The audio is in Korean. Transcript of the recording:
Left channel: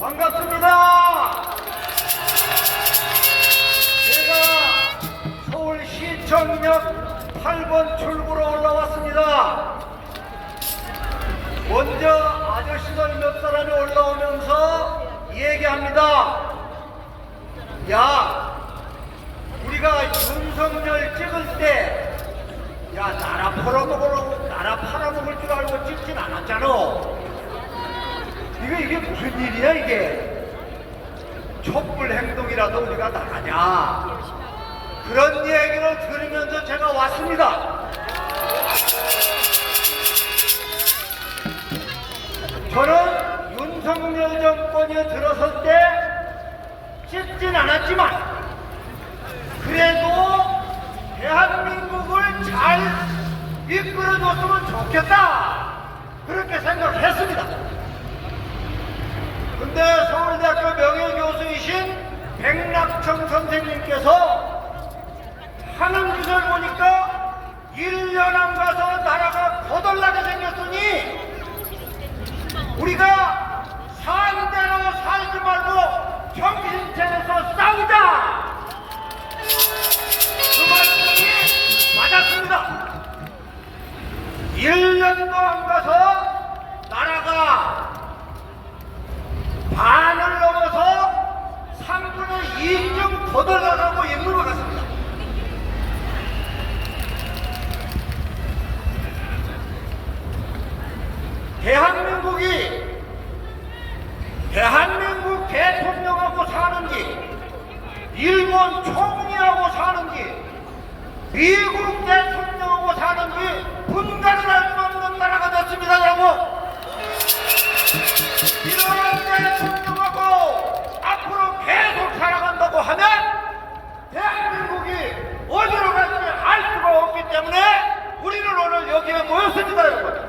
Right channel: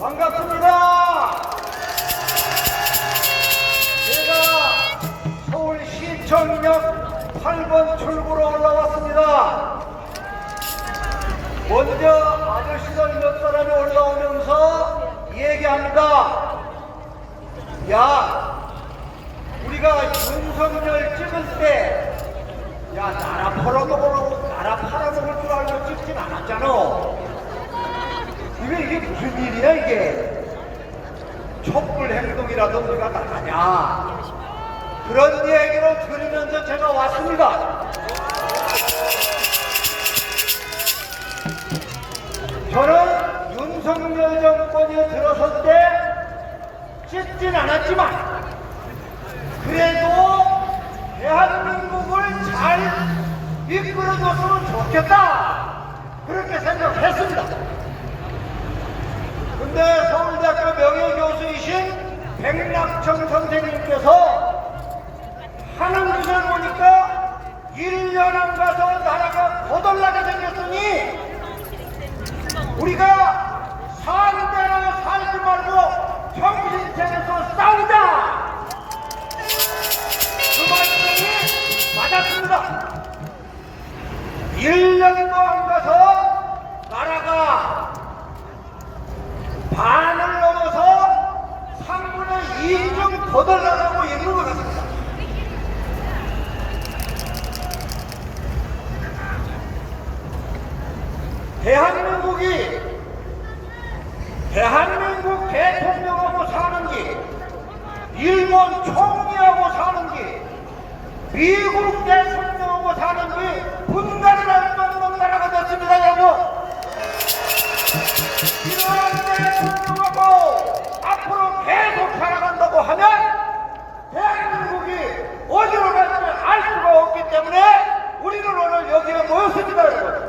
반갑습니다. 제가 서울 시청역 8번 출구로 올라왔습니다. 먼저 아저씨들 몇 사람이 올라오면서 얘기합니다. 야, 우리가 윤석열 찍을 때, 야, 나라 팔아먹으라고, 나라 팔아먹을 줄 알고 찍진 않았잖아. 이게, 이게 무슨 일이야, 이게? 촛불 행동이라도 우리가 나가냐. 그런 얘기를 들으면서 제가 왔습니다. 저는 윤석열 정권이 들어설 때 찍진 않았지만 그래도 대한민국을 잘 이끌어줬으면 좋겠다 그렇게 생각했습니다. 근데 서울 명예교수이신 백낙청 선생님께서 하는 짓을 보니까 1년 안 가서 나라가 거덜나게 생겼으니 우리가 상대로 살지 말고 정신 차려서 싸우자. 그 말씀이 맞았습니다. 1년도 안 가서 나라가 반을 넘어서 3분의 2좀 거덜나가고 있는 것 같습니다. 대한민국이 대한민국 대통령하고 사는 게 일본 총리하고 사는 게 미국 대통령하고 사는 게 분간을 할 수 없는 나라가 됐습니다 여러분 이런 대통령하고 앞으로 계속 살아간다고 하면 대한민국이 어디로 갈지 알 수가 없기 때문에 우리는 오늘 여기에 모였습니다 여러분